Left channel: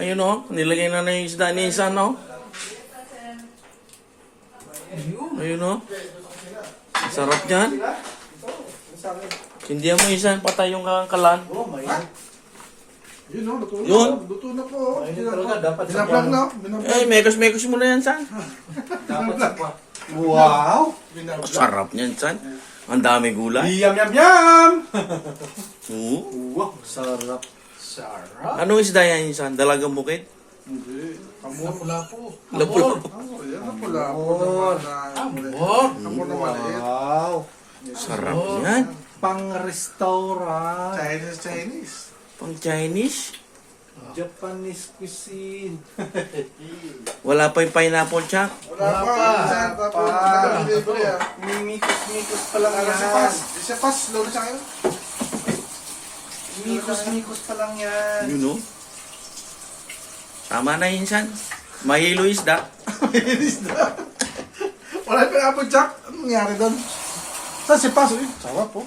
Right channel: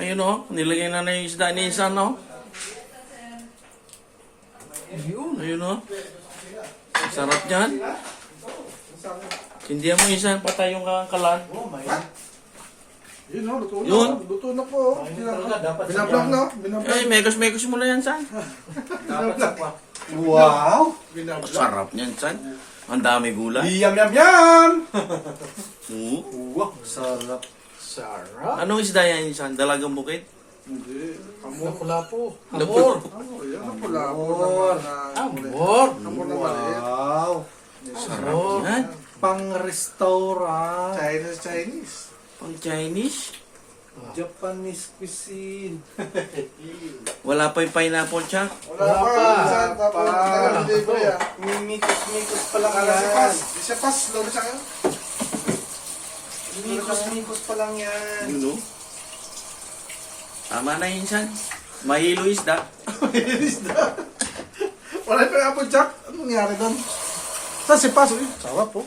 Ayun o, nilagay na yung isda ni Insan o. Ayun o. Sarap yan. Hindi mo Insan, patay yung kalan. Yun o, luto na. Yun. Luto na po. Binablag na. Binablag. Eh, mekos-mekos mo na yan, San. Wow! Binablag. Sarap niyan, San. Ang dami gulay. Yum, yum, yum! Oo. Wow, sarap. Sarap. Anong isda yan, Insan? Dalagang bukid? Hindi. Amor. Lapu-lapu. Lapur. Oh, yan ang pula. Amor. Amor. Amor na maliit. Wow! Sarap yan. Pang-restaurant. Chinese. Pang Chinese. Japanese cuisine. Wala pa yung pineapple, Chuck. Wala pa. Minsan, tapos nag-delivery ah. Mimikos-mikos pa lang Ala, yan. isa pas. Lalo sa akin. Mimikos-mikos pa lang yan. Yun o. Tama na yun, San. Mahilo isda. Wala pa nga po, Jack. Anong nangyari doon? Saan si Pas? Sarap po.